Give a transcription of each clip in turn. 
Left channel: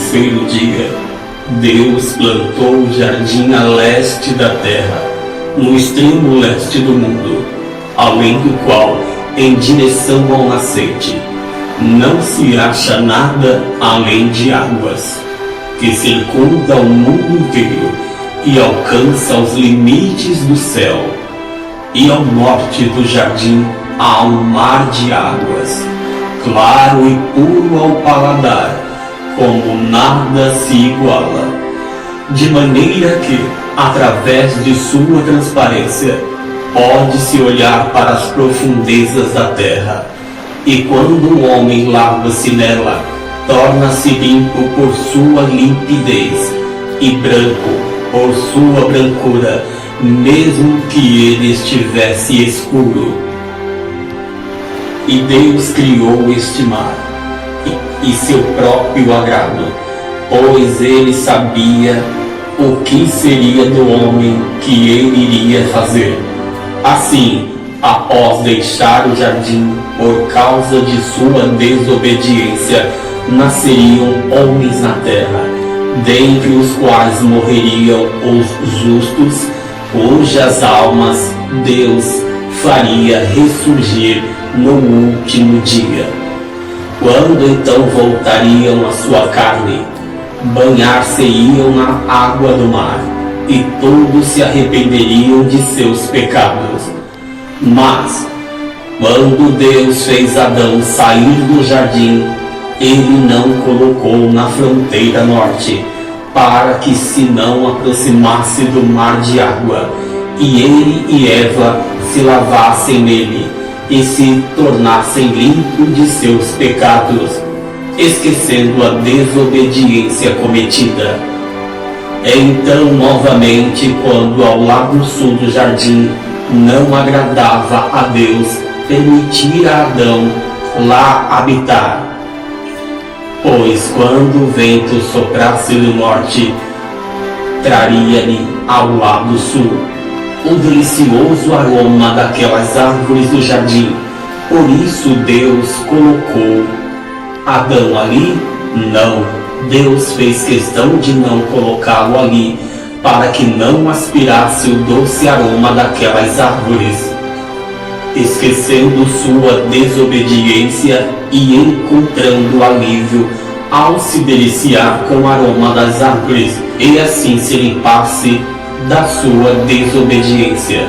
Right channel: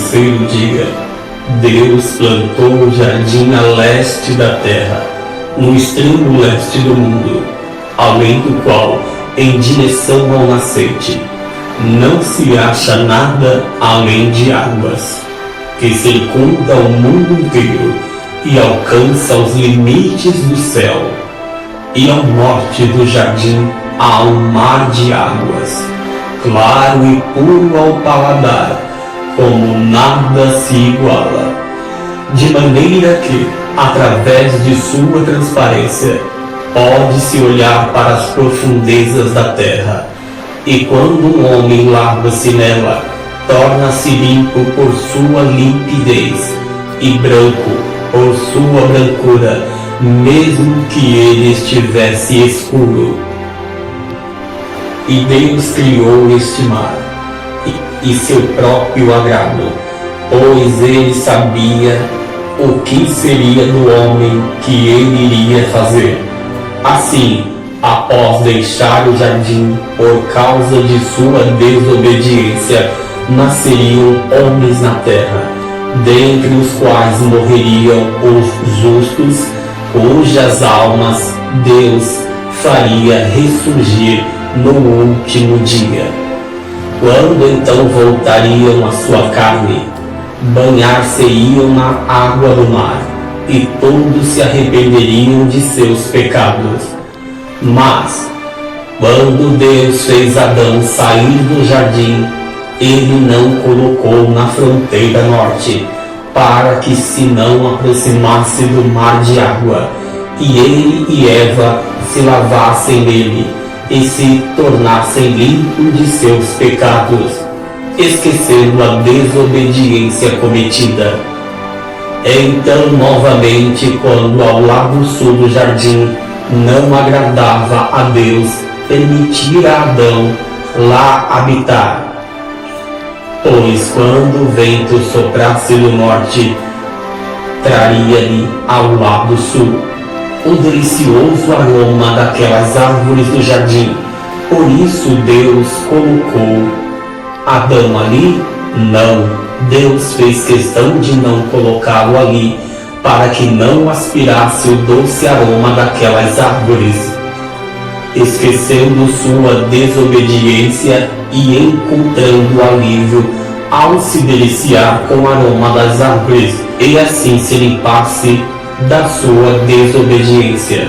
terceiro dia, Deus plantou o jardim a leste da terra, no extremo leste do mundo, além do qual, em direção ao nascente, não se acha nada além de águas, que circunda o mundo inteiro e alcança os limites do céu. E ao norte do jardim há um mar de águas, claro e puro ao paladar, como nada se iguala, de maneira que, através de sua transparência, pode-se olhar para as profundezas da terra, e quando um homem lava-se nela, torna-se limpo por sua limpidez, e branco por sua brancura, mesmo que ele estivesse escuro. E Deus criou este mar, e seu próprio agrado, pois ele sabia o que seria do homem que ele iria fazer. Assim, após deixar o jardim por causa de sua desobediência, nasceriam homens na terra, dentre os quais morreriam os justos, cujas almas Deus faria ressurgir no último dia. Quando então voltariam à sua carne, banhar-se-iam na água do mar, e todos se arrependeriam de seus pecados. Mas, quando Deus fez Adão sair do jardim, ele não colocou na fronteira norte, para que se não aproximasse do mar de água, e ele e Eva se lavassem nele, e se tornassem limpos de seus pecados, esquecendo a desobediência cometida. Então, novamente, quando ao lado sul do jardim não agradava a Deus permitir a Adão lá habitar, pois quando o vento soprasse do norte, traria-lhe ao lado sul o delicioso aroma daquelas árvores do jardim. Por isso Deus colocou Adão ali? Não, Deus fez questão de não colocá-lo ali, para que não aspirasse o doce aroma daquelas árvores. Esquecendo sua desobediência e encontrando alívio ao se deliciar com o aroma das árvores, e assim se limpasse da sua desobediência.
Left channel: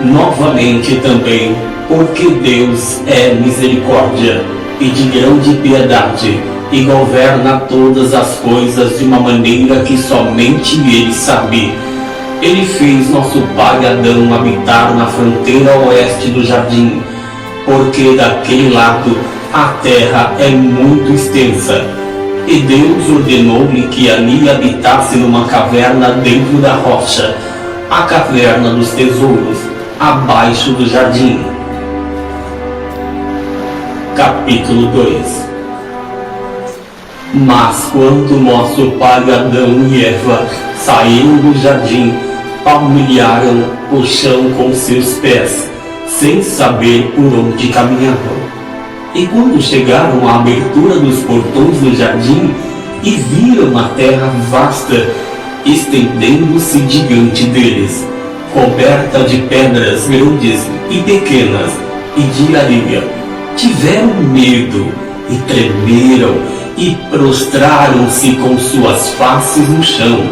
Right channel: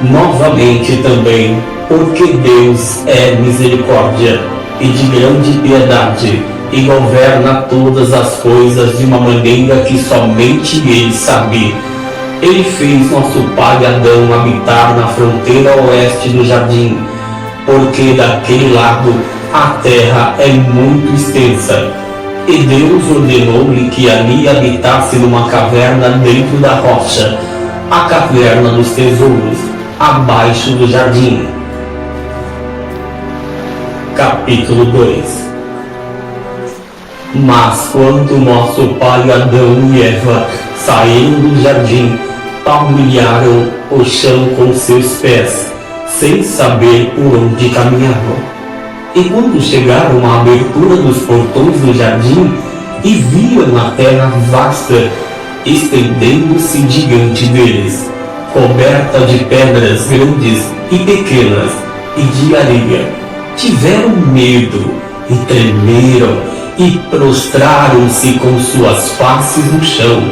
Novamente também, porque Deus é misericórdia e de grande piedade, e governa todas as coisas de uma maneira que somente Ele sabe, Ele fez nosso pai Adão habitar na fronteira oeste do jardim, porque daquele lado a terra é muito extensa, e Deus ordenou-lhe que ali habitasse numa caverna dentro da rocha, a caverna dos tesouros, abaixo do jardim. Capítulo 2. Mas quando nosso pai Adão e Eva saíram do jardim, palmilharam o chão com seus pés, sem saber por onde caminhavam. E quando chegaram à abertura dos portões do jardim, e viram a terra vasta, estendendo-se diante deles, coberta de pedras grandes e pequenas, e de areia, tiveram medo, e tremeram, e prostraram-se com suas faces no chão,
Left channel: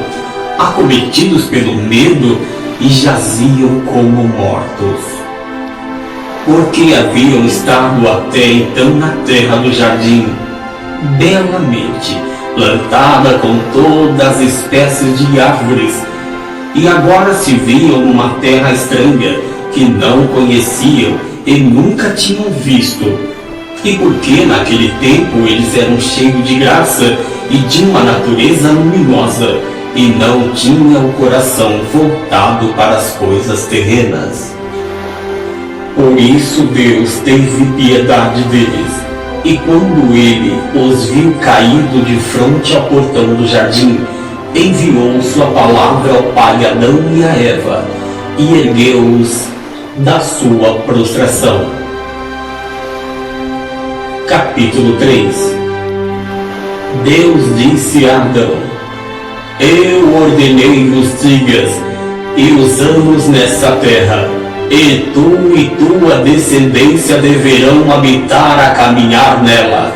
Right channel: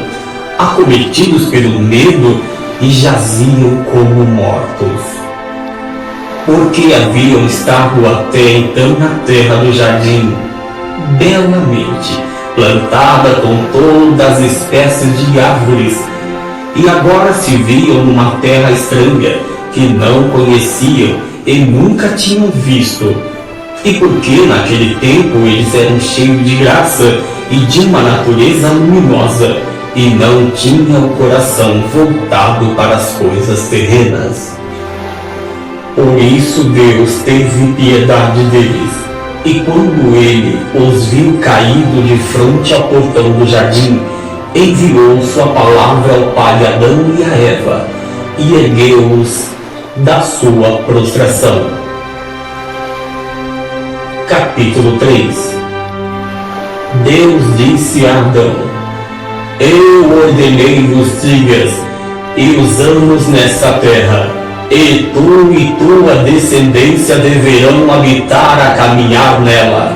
acometidos pelo medo, e jaziam como mortos. Porque haviam estado até então na terra do jardim, belamente plantada com todas as espécies de árvores, e agora se viam numa terra estranha, que não conheciam e nunca tinham visto. E porque naquele tempo eles eram cheios de graça e de uma natureza luminosa, e não tinham o coração voltado para as coisas terrenas. Por isso Deus teve piedade deles, e quando ele os viu caídos de frente ao portão do jardim, enviou sua palavra ao pai Adão e a Eva, e ergueu-os da sua prostração. Capítulo 3. Deus disse a Adão: eu ordenei os dias e os anos nessa terra, e tu e tua descendência deverão habitar a caminhar nela,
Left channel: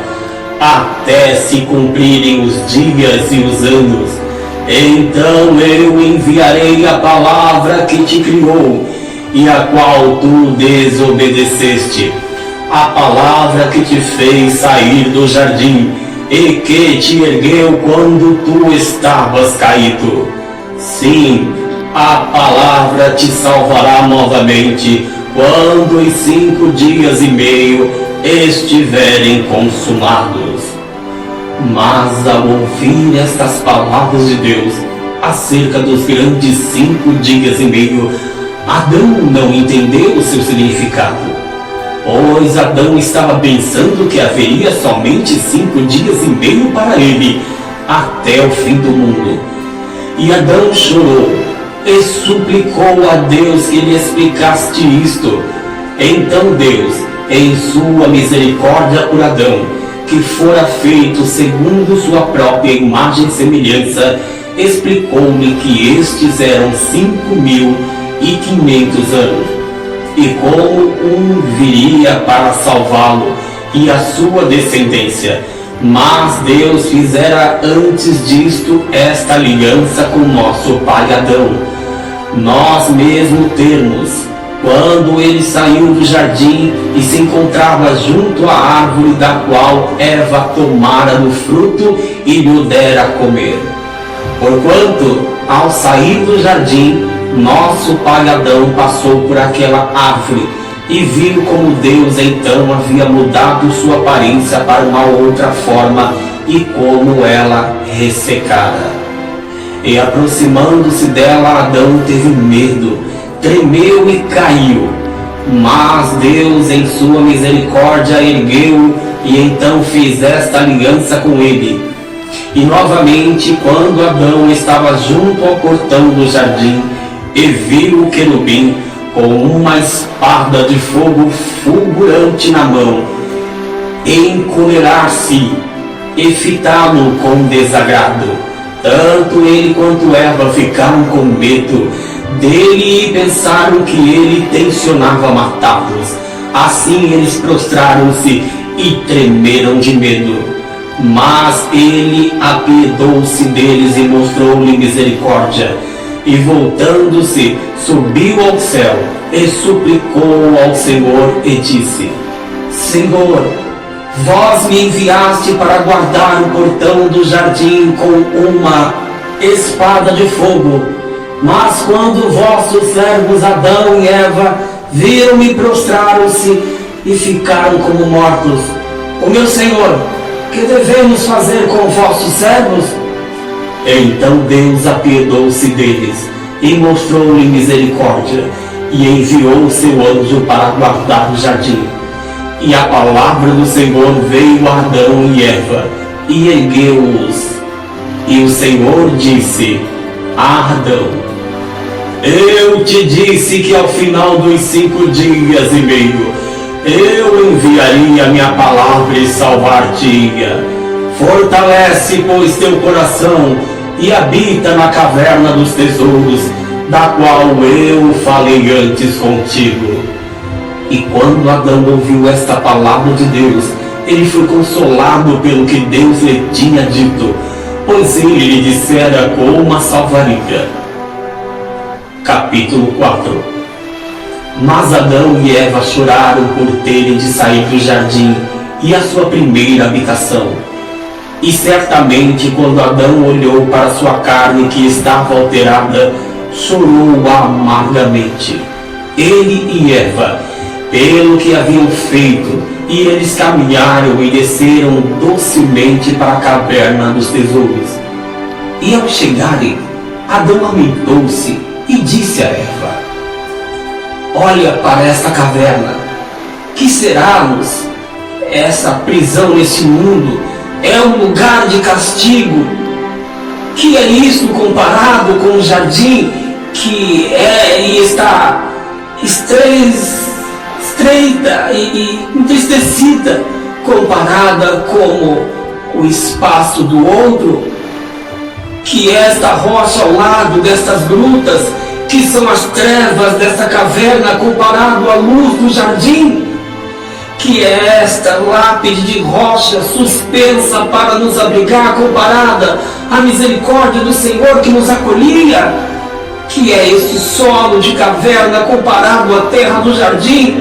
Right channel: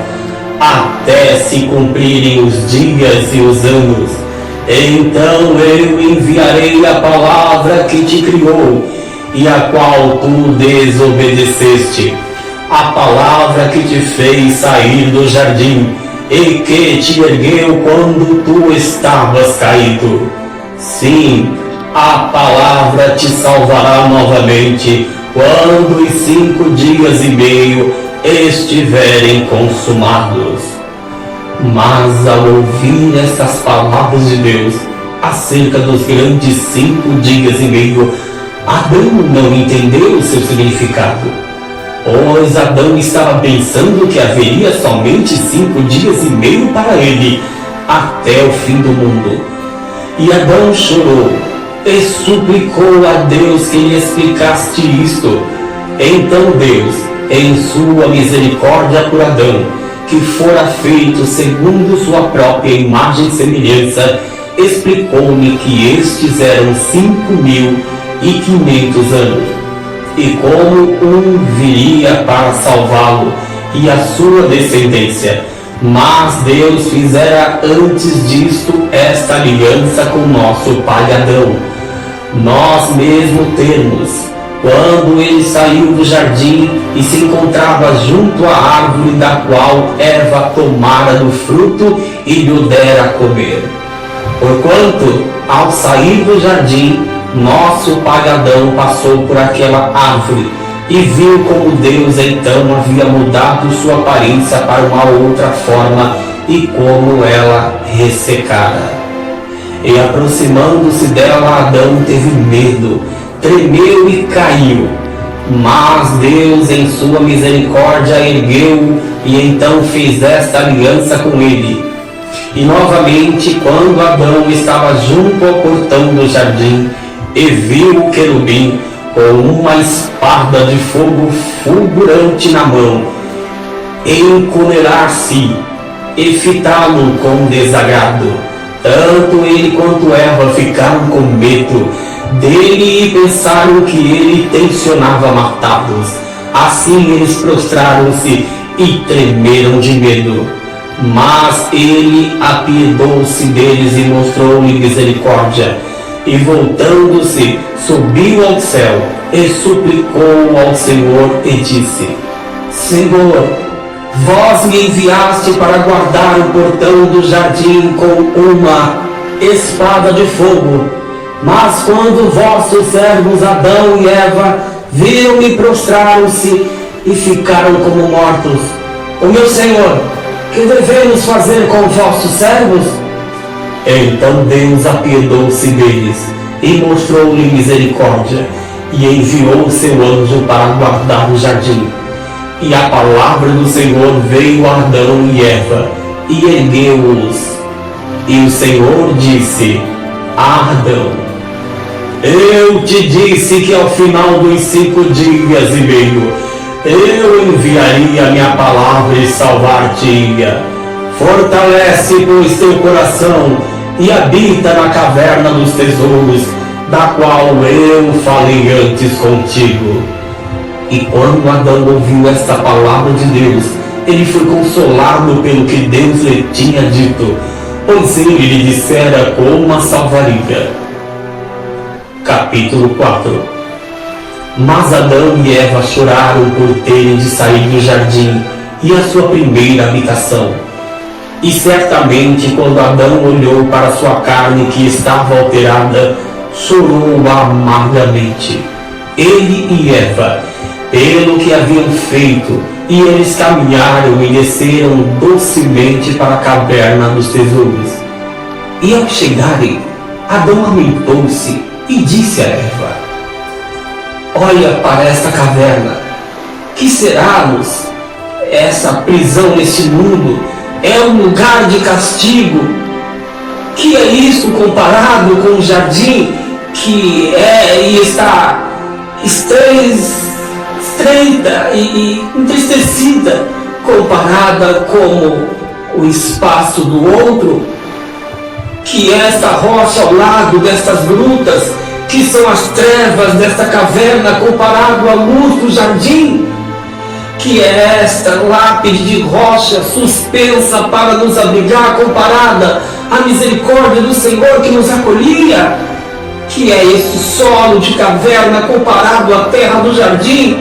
até se cumprirem os dias e os anos. Então eu enviarei a palavra que te criou, e a qual tu desobedeceste, a palavra que te fez sair do jardim, e que te ergueu quando tu estavas caído. Sim, a palavra te salvará novamente, quando os 5 dias e meio estiverem consumados. Mas ao ouvir estas palavras de Deus acerca dos grandes 5 dias e meio, Adão não entendeu o seu significado, pois Adão estava pensando que haveria somente 5 dias e meio para ele, até o fim do mundo. E Adão chorou e suplicou a Deus que lhe explicasse isto. Então Deus, em sua misericórdia por Adão, que fora feito segundo sua própria imagem e semelhança, explicou-lhe que estes eram 5.500 anos, e como viria para salvá-lo e a sua descendência. Mas Deus fizera antes disto esta aliança com nosso pai Adão, nós mesmo termos, quando ele saiu do jardim e se encontrava junto à árvore da qual Eva tomara do fruto e lhe dera a comer. Porquanto, ao sair do jardim, nosso pai Adão passou por aquela árvore e viu como Deus então havia mudado sua aparência para uma outra forma e como ela ressecara. E aproximando-se dela, Adão teve medo, tremeu e caiu. Mas Deus, em sua misericórdia, ergueu-o e então fez esta aliança com ele. E novamente, quando Adão estava junto ao portão do jardim, e viu o querubim com uma espada de fogo fulgurante na mão, encolerar-se e fitá-lo com desagrado. Tanto ele quanto Eva ficaram com medo dele e pensaram que ele tencionava matá-los. Assim eles prostraram-se e tremeram de medo. Mas ele apiedou-se deles e mostrou-lhe misericórdia. E voltando-se, subiu ao céu e suplicou ao Senhor e disse: Senhor, vós me enviaste para guardar o portão do jardim com uma espada de fogo. Mas quando vossos servos Adão e Eva viram-me, prostraram-se e ficaram como mortos. O meu Senhor, que devemos fazer com vossos servos? Então Deus apiedou-se deles e mostrou-lhe misericórdia, e enviou seu anjo para guardar o jardim. E a palavra do Senhor veio a Adão e Eva, e ergueu-os. E o Senhor disse a Adão: eu te disse que ao final dos 5 dias e meio eu enviaria a minha palavra e salvar-te-ia. Fortalece, pois, teu coração e habita na caverna dos tesouros, da qual eu falei antes contigo. E quando Adão ouviu esta palavra de Deus, ele foi consolado pelo que Deus lhe tinha dito, pois ele lhe dissera como a salvaria. Capítulo 4. Mas Adão e Eva choraram por terem de sair do jardim e a sua primeira habitação. E certamente, quando Adão olhou para sua carne que estava alterada, chorou amargamente. Ele e Eva, pelo que haviam feito, e eles caminharam e desceram docemente para a caverna dos tesouros. E ao chegarem, Adão lamentou-se e disse a Eva: olha para esta caverna, que será-nos essa prisão neste mundo? É um lugar de castigo. Que é isto comparado com o jardim que é e está estreita e entristecida, comparada como o espaço do outro, que é esta rocha ao lado destas grutas, que são as trevas desta caverna comparado à luz do jardim, que é esta lápide de rocha suspensa para nos abrigar comparada à misericórdia do Senhor que nos acolhia, que é este solo de caverna comparado à terra do jardim,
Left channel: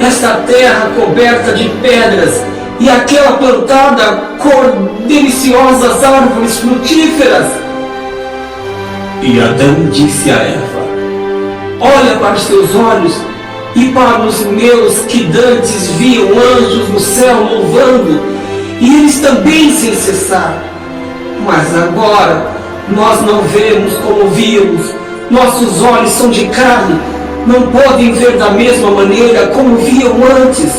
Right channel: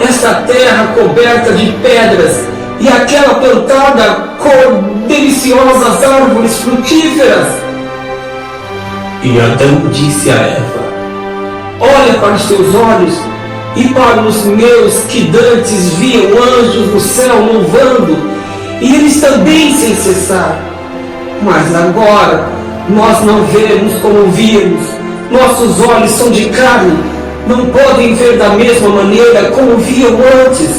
esta terra coberta de pedras e aquela plantada com deliciosas árvores frutíferas. E Adão disse a Eva: olha para os teus olhos e para os meus, que dantes viam anjos no céu louvando, e eles também sem cessar. Mas agora nós não vemos como víamos, nossos olhos são de carne, não podem ver da mesma maneira como viam antes.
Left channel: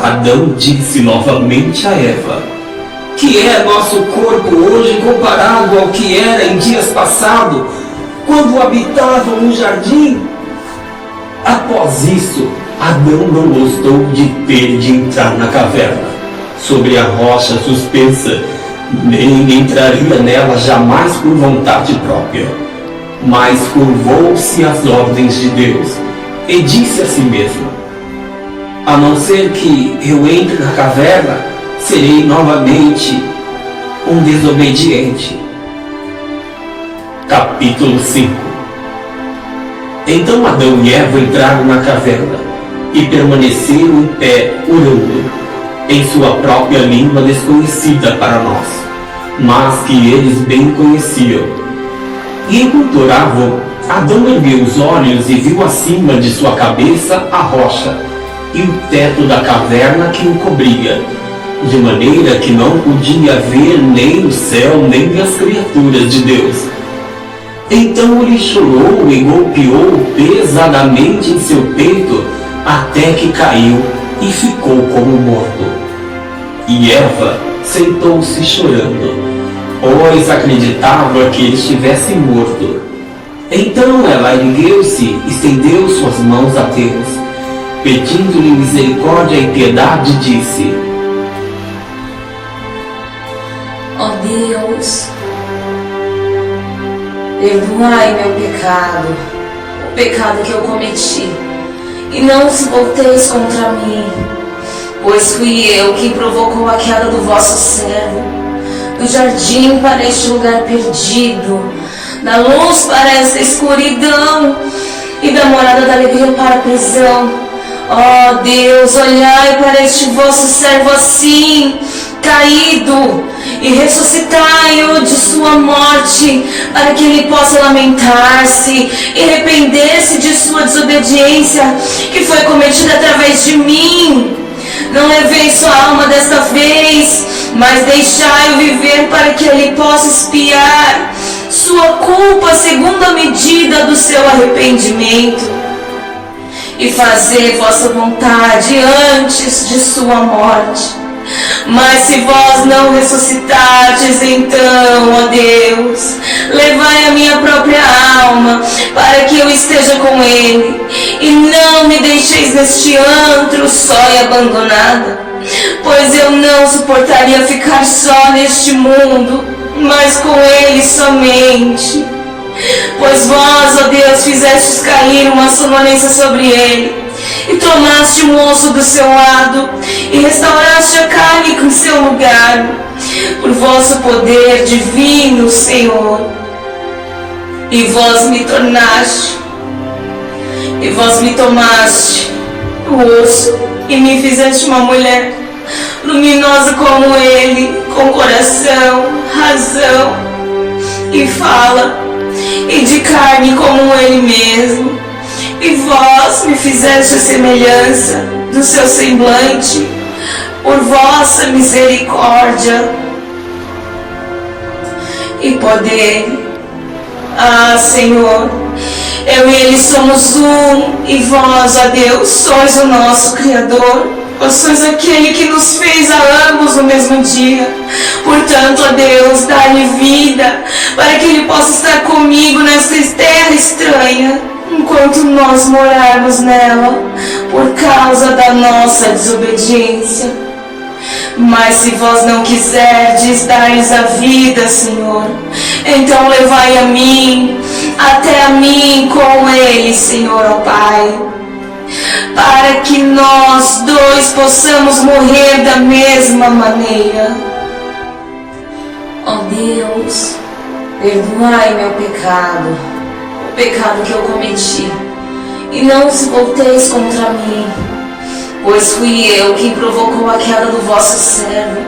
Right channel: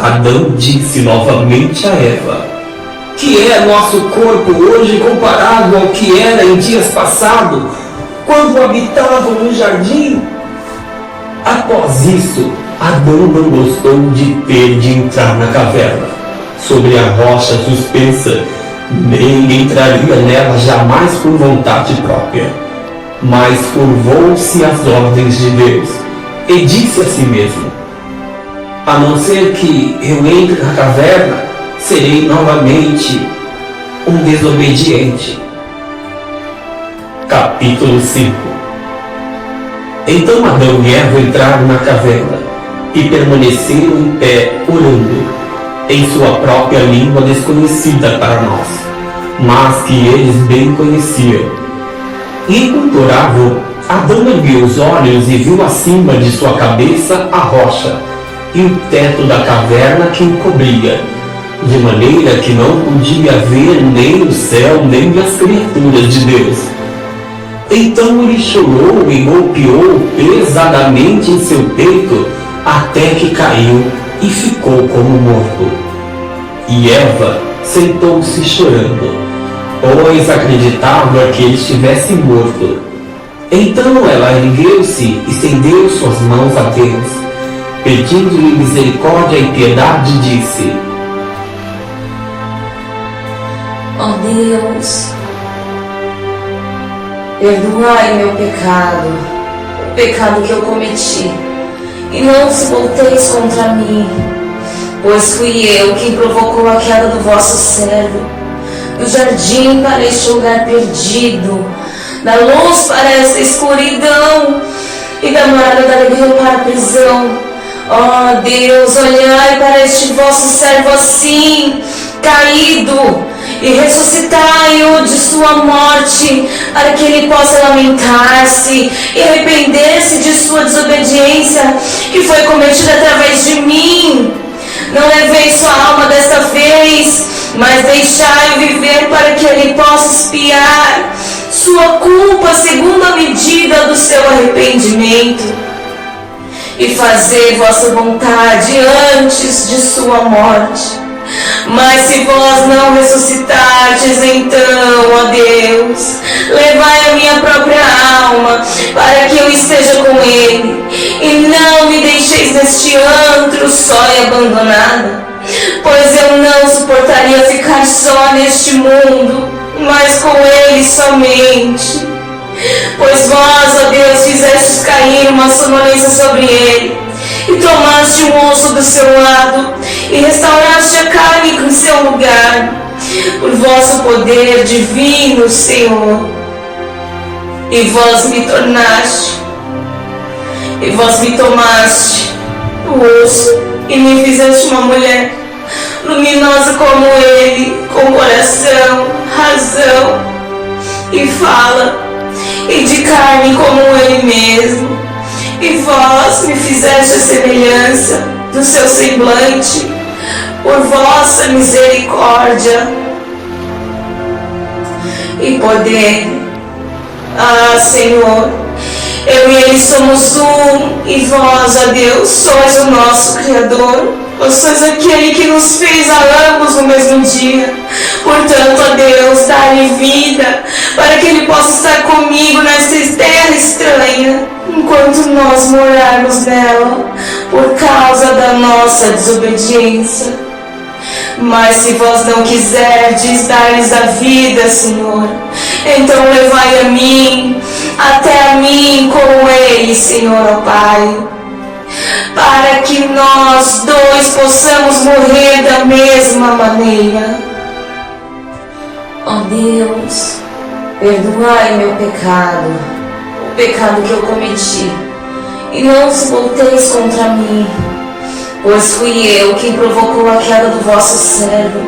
Adão disse novamente a Eva: que é nosso corpo hoje comparado ao que era em dias passados, quando habitavam no jardim? Após isso, Adão não gostou de ter de entrar na caverna, sobre a rocha suspensa, nem entraria nela jamais por vontade própria, mas curvou-se às ordens de Deus e disse a si mesmo: a não ser que eu entre na caverna, serei novamente um desobediente. Capítulo 5. Então Adão e Eva entraram na caverna e permaneceram em pé, orando, em sua própria língua desconhecida para nós, mas que eles bem conheciam. E enquanto oravam, Adão ergueu os olhos e viu acima de sua cabeça a rocha e o teto da caverna que o cobria, de maneira que não podia ver nem o céu nem as criaturas de Deus. Então ele chorou e golpeou pesadamente em seu peito até que caiu e ficou como morto. E Eva sentou-se chorando, pois acreditava que ele estivesse morto. Então ela ergueu-se e estendeu suas mãos a Deus, pedindo-lhe misericórdia e piedade, disse: ó Deus, perdoai meu pecado, o pecado que eu cometi, e não vos volteis contra mim, pois fui eu quem provocou a queda do vosso servo, do jardim para este lugar perdido, da luz para essa escuridão, e da morada da alegria para a prisão. Ó Deus, olhai para este vosso servo assim, caído, e ressuscitai-o de sua morte, para que ele possa lamentar-se e arrepender-se de sua desobediência, que foi cometida através de mim. Não levei sua alma desta vez, mas deixai-o viver para que ele possa expiar sua culpa segundo a medida do seu arrependimento, e fazer vossa vontade antes de sua morte. Mas se vós não ressuscitardes, então, ó Deus, levai a minha própria alma, para que eu esteja com ele, e não me deixeis neste antro só e abandonada, pois eu não suportaria ficar só neste mundo, mas com ele somente. Pois vós, ó Deus, fizestes cair uma sonolência sobre ele, e tomaste um osso do seu lado, e restauraste a carne com seu lugar, por vosso poder divino, Senhor. E vós me tornaste, e vós me tomaste o osso, e me fizeste uma mulher, luminosa como ele, com coração, razão e fala, e de carne como ele mesmo. E vós me fizeste a semelhança do seu semblante, por vossa misericórdia e poder. Ah, Senhor, eu e ele somos um, e vós, ó Deus, sois o nosso Criador. Vós sois aquele que nos fez a ambos no mesmo dia. Portanto, ó Deus, dá-lhe vida, para que ele possa estar comigo nesta terra estranha, enquanto nós morarmos nela, por causa da nossa desobediência. Mas se vós não quiserdes dar-lhes a vida, Senhor, então levai a mim, até a mim com eles, Senhor, ó Pai, para que nós dois possamos morrer da mesma maneira. Ó Deus, perdoai meu pecado, o pecado que eu cometi, e não se volteis contra mim, pois fui eu quem provocou a queda do vosso servo,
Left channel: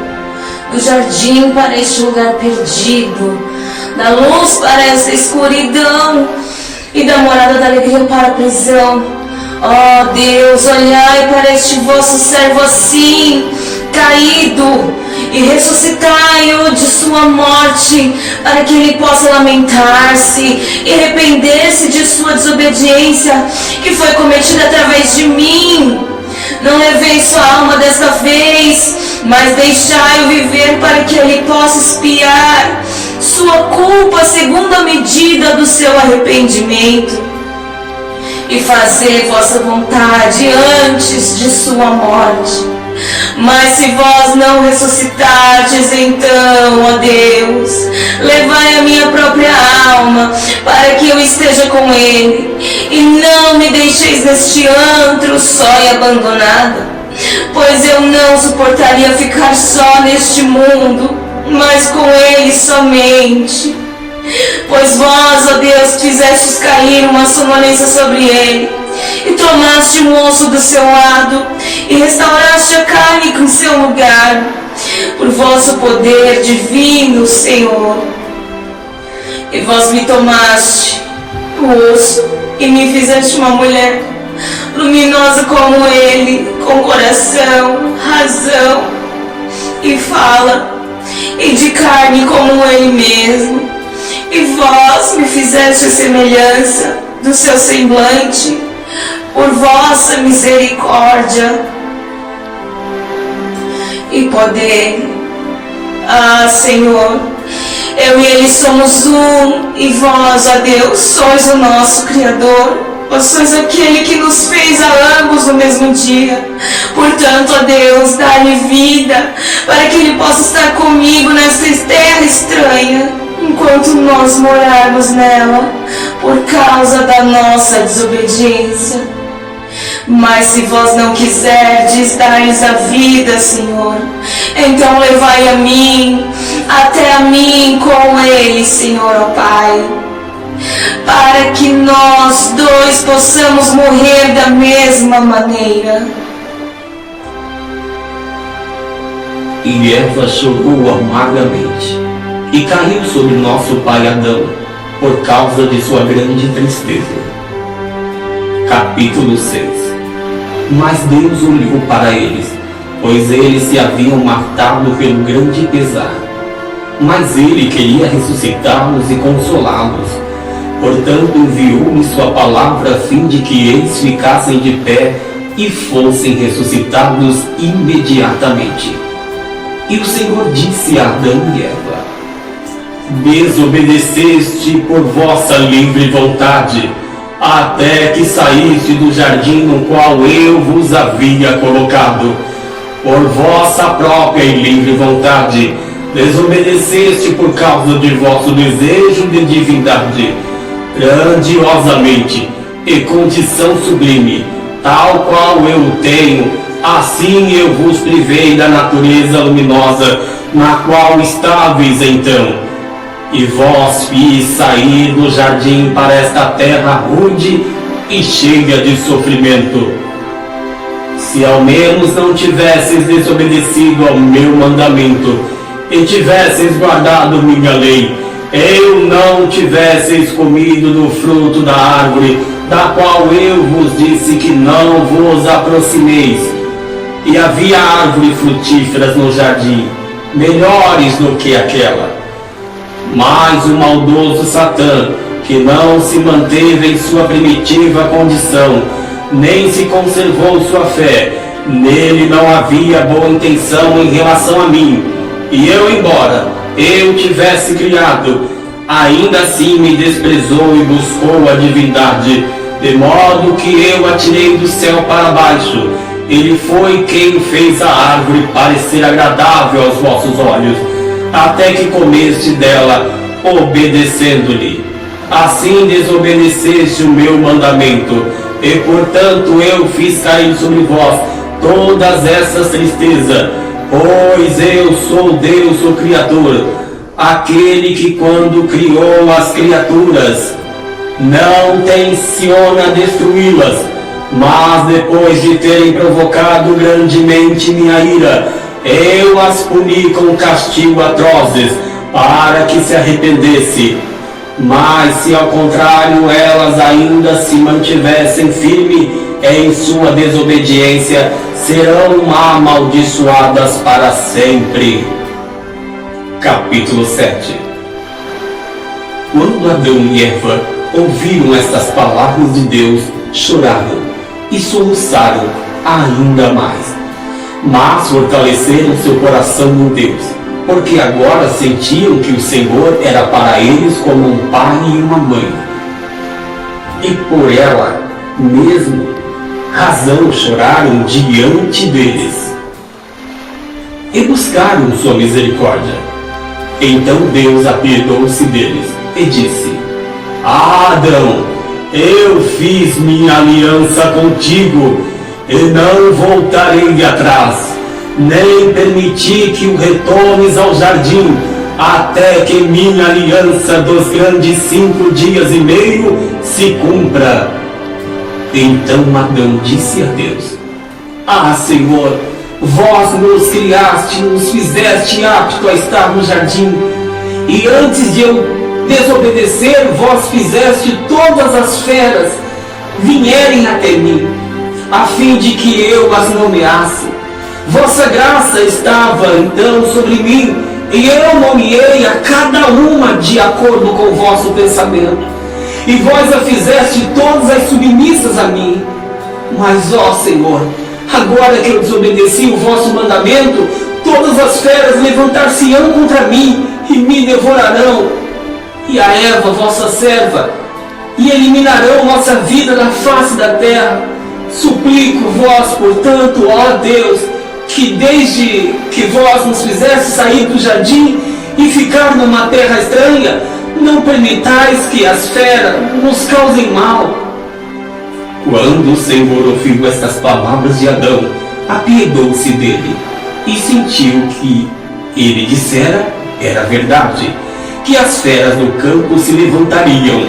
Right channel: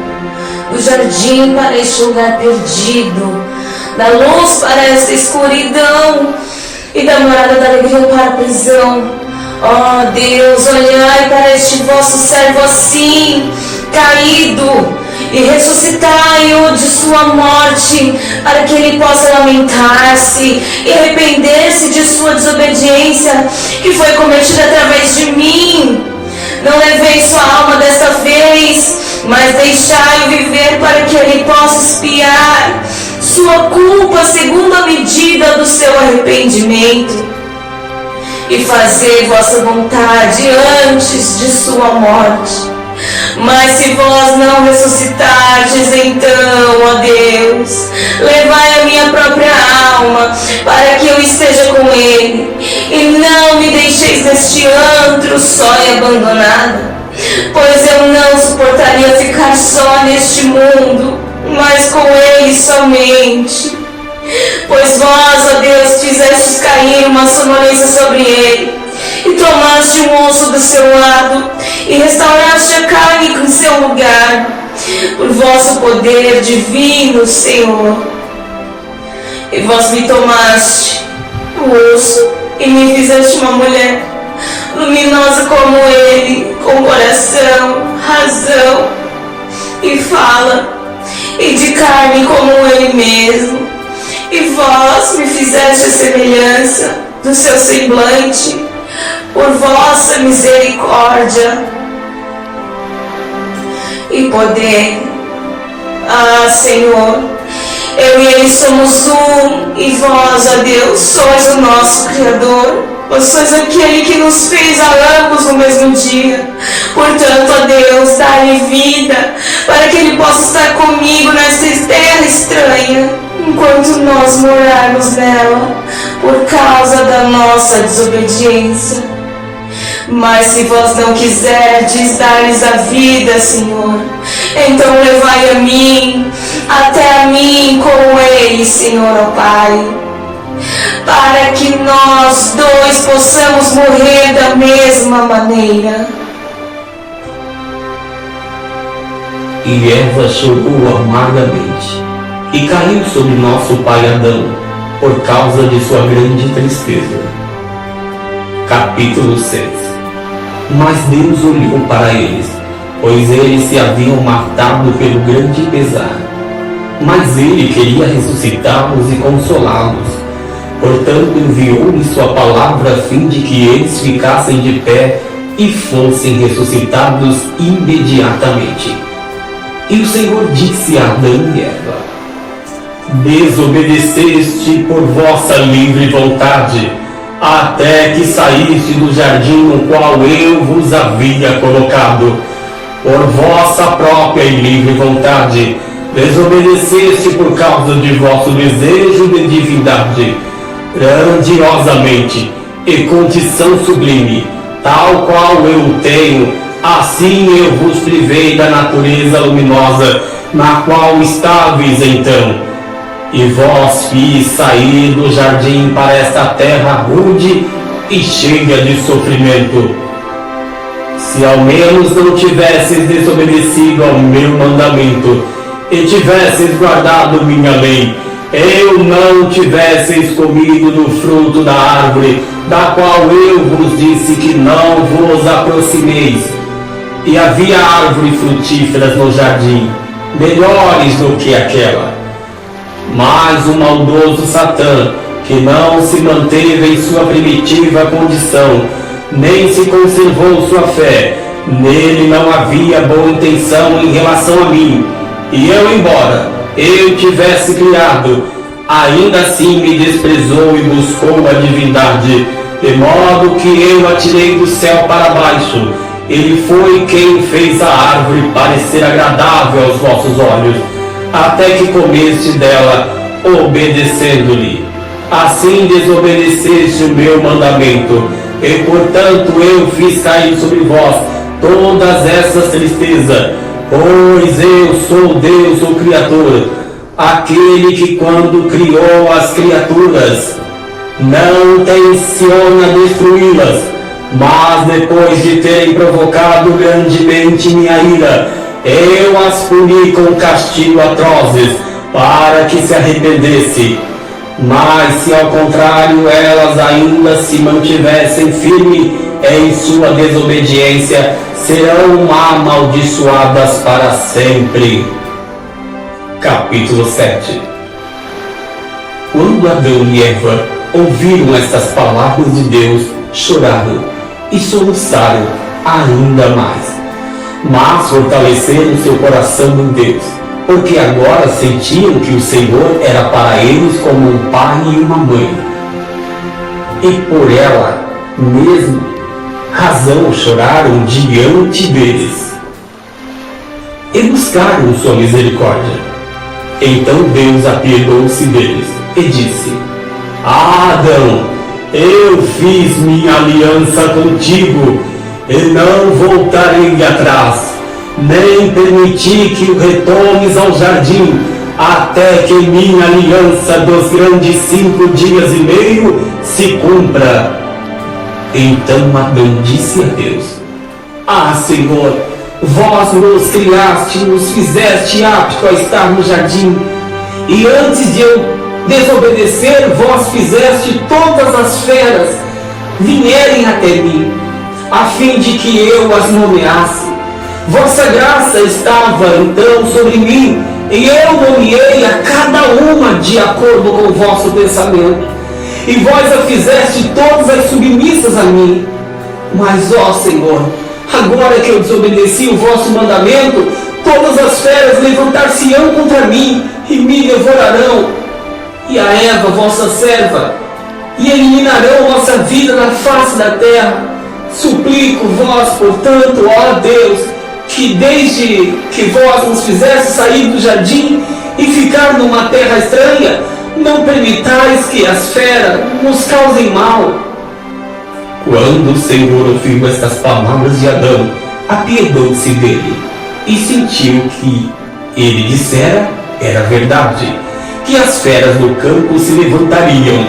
do jardim para este lugar perdido, da luz para esta escuridão, e da morada da alegria para a prisão. Ó Deus, olhai para este vosso servo assim, caído, e ressuscitai-o de sua morte, para que ele possa lamentar-se e arrepender-se de sua desobediência, que foi cometida através de mim. Não levei sua alma desta vez, mas deixai-o viver para que ele possa expiar sua culpa segundo a medida do seu arrependimento, e fazer vossa vontade antes de sua morte. Mas se vós não ressuscitardes, então, ó Deus, levai a minha própria alma, para que eu esteja com ele, e não me deixeis neste antro só e abandonada, pois eu não suportaria ficar só neste mundo, mas com ele somente. Pois vós, ó Deus, fizestes cair uma sonolência sobre ele, e tomaste o osso do seu lado, e restauraste a carne em seu lugar, por vosso poder divino, Senhor. E vós me tomaste o osso, e me fizeste uma mulher, luminosa como ele, com coração, razão e fala, e de carne como ele mesmo. E vós me fizeste a semelhança do seu semblante, por vossa misericórdia e poder. Ah, Senhor, eu e ele somos um, e vós, ó Deus, sois o nosso Criador. Vós sois aquele que nos fez a ambos no mesmo dia. Portanto, ó Deus, dá-lhe vida, para que ele possa estar comigo nesta terra estranha, enquanto nós morarmos nela, por causa da nossa desobediência. Mas se vós não quiserdes dar-lhes a vida, Senhor, então levai a mim, até a mim com eles, Senhor, ó Pai, para que nós dois possamos morrer da mesma maneira. E Eva chorou amargamente, e caiu sobre nosso pai Adão, por causa de sua grande tristeza. Capítulo 6. Mas Deus olhou para eles, pois eles se haviam matado pelo grande pesar. Mas ele queria ressuscitá-los e consolá-los. Portanto, enviou-lhe sua palavra a fim de que eles ficassem de pé e fossem ressuscitados imediatamente. E o Senhor disse a Adão e Eva: desobedeceste por vossa livre vontade, até que saíste do jardim no qual eu vos havia colocado. Por vossa própria e livre vontade, desobedeceste por causa de vosso desejo de divindade, grandiosamente e condição sublime, tal qual eu o tenho, assim eu vos privei da natureza luminosa, na qual estáveis então. E vós fiz sair do jardim para esta terra rude e cheia de sofrimento. Se ao menos não tivesses desobedecido ao meu mandamento, e tivesses guardado minha lei, eu não tivesseis comido do fruto da árvore, da qual eu vos disse que não vos aproximeis. E havia árvores frutíferas no jardim, melhores do que aquela. Mas o maldoso Satã, que não se manteve em sua primitiva condição, nem se conservou sua fé, nele não havia boa intenção em relação a mim. E eu, embora eu tivesse criado, ainda assim me desprezou e buscou a divindade, de modo que eu atirei do céu para baixo, Ele foi quem fez a árvore parecer agradável aos vossos olhos, até que comeste dela, obedecendo-lhe. Assim desobedeceste o meu mandamento, e portanto eu fiz cair sobre vós todas essas tristezas. Pois eu sou Deus, o Criador, aquele que quando criou as criaturas, não tenciona destruí-las, mas depois de terem provocado grandemente minha ira, eu as puni com castigo atrozes, para que se arrependesse. Mas se ao contrário elas ainda se mantivessem firmes em sua desobediência, serão amaldiçoadas para sempre. Capítulo 7. Quando Adão e Eva ouviram estas palavras de Deus, choraram e soluçaram ainda mais, mas fortaleceram seu coração em Deus, porque agora sentiam que o Senhor era para eles como um pai e uma mãe, e por ela mesmo razão choraram diante deles, e buscaram sua misericórdia. Então Deus apiedou-se deles e disse: Adão, eu fiz minha aliança contigo e não voltarei atrás, nem permiti que o retomes ao jardim, até que minha aliança dos grandes 5 dias e meio se cumpra. Então Adão disse a Deus: Ah, Senhor, vós nos criaste, nos fizeste apto a estar no jardim, e antes de eu desobedecer, vós fizeste todas as feras vierem até mim, a fim de que eu as nomeasse. Vossa graça estava então sobre mim, e eu nomeei a cada uma de acordo com o vosso pensamento, e vós a fizeste todas as submissas a mim. Mas, ó Senhor, agora que eu desobedeci o vosso mandamento, todas as feras levantar-se-ão contra mim e me devorarão, e a Eva, vossa serva, e eliminarão vossa vida da face da terra. Suplico-vos, portanto, ó Deus, que desde que vós nos fizeste sair do jardim e ficar numa terra estranha, não permitais que as feras nos causem mal. Quando o Senhor ouviu estas palavras de Adão, apiedou-se dele, e sentiu que ele dissera era verdade, que as feras do campo se levantariam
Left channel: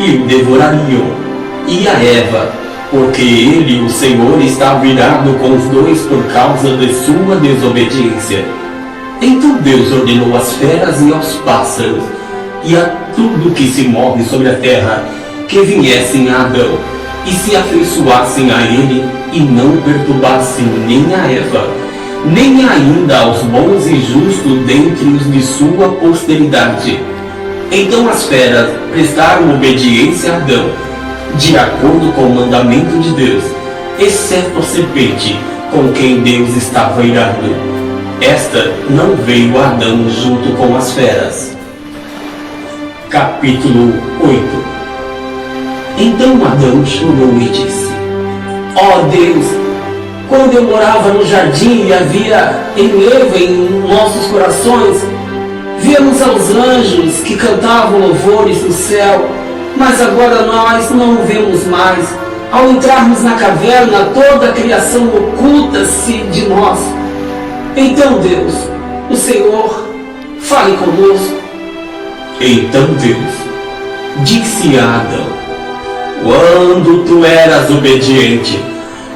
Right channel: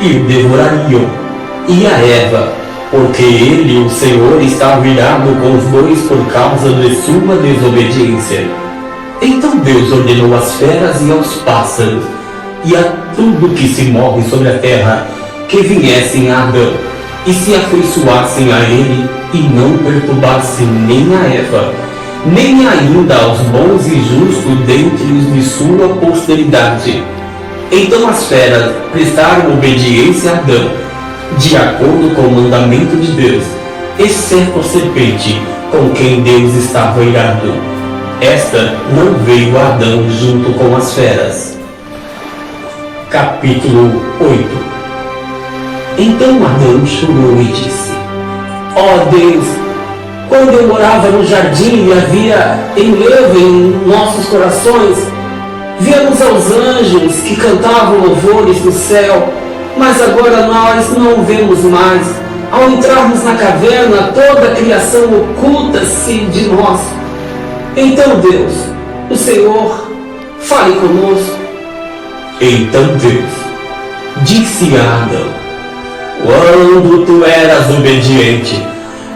e o devorariam, e a Eva, porque ele, o Senhor, estava irado com os dois por causa de sua desobediência. Então Deus ordenou às feras e aos pássaros, e a tudo que se move sobre a terra, que viessem a Adão, e se afeiçoassem a ele, e não perturbassem nem a Eva, nem ainda aos bons e justos dentre os de sua posteridade. Então as feras prestaram obediência a Adão, de acordo com o mandamento de Deus, exceto a serpente, com quem Deus estava irado. Esta não veio a Adão junto com as feras. Capítulo 8. Então Adão chorou e disse: Ó Deus, quando eu morava no jardim e havia enlevo em nossos corações, víamos aos anjos que cantavam louvores no céu, mas agora nós não o vemos mais. Ao entrarmos na caverna, toda a criação oculta-se de nós. Então Deus, o Senhor, fale conosco. Então Deus disse a Adão: Quando tu eras obediente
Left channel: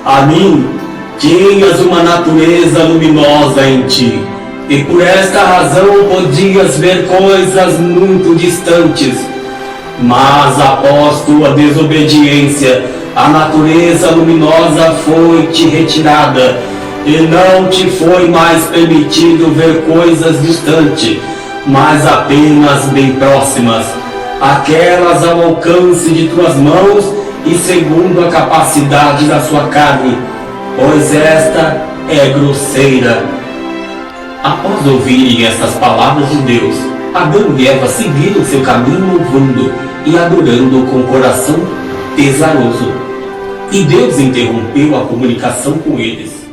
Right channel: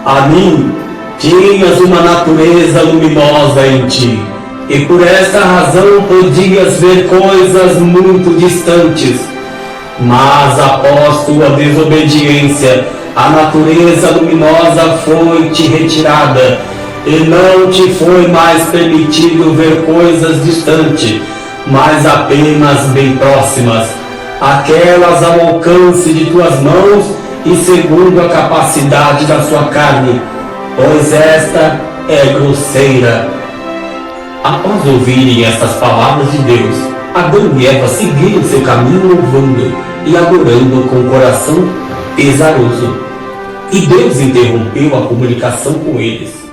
a mim, tinhas uma natureza luminosa em ti, e por esta razão podias ver coisas muito distantes. Mas após tua desobediência, a natureza luminosa foi-te retirada, e não te foi mais permitido ver coisas distantes, mas apenas bem próximas, aquelas ao alcance de tuas mãos e segundo a capacidade da sua carne, pois esta é grosseira. Após ouvirem estas palavras de Deus, Adão e Eva seguiram seu caminho louvando e adorando com o coração pesaroso. E Deus interrompeu a comunicação com eles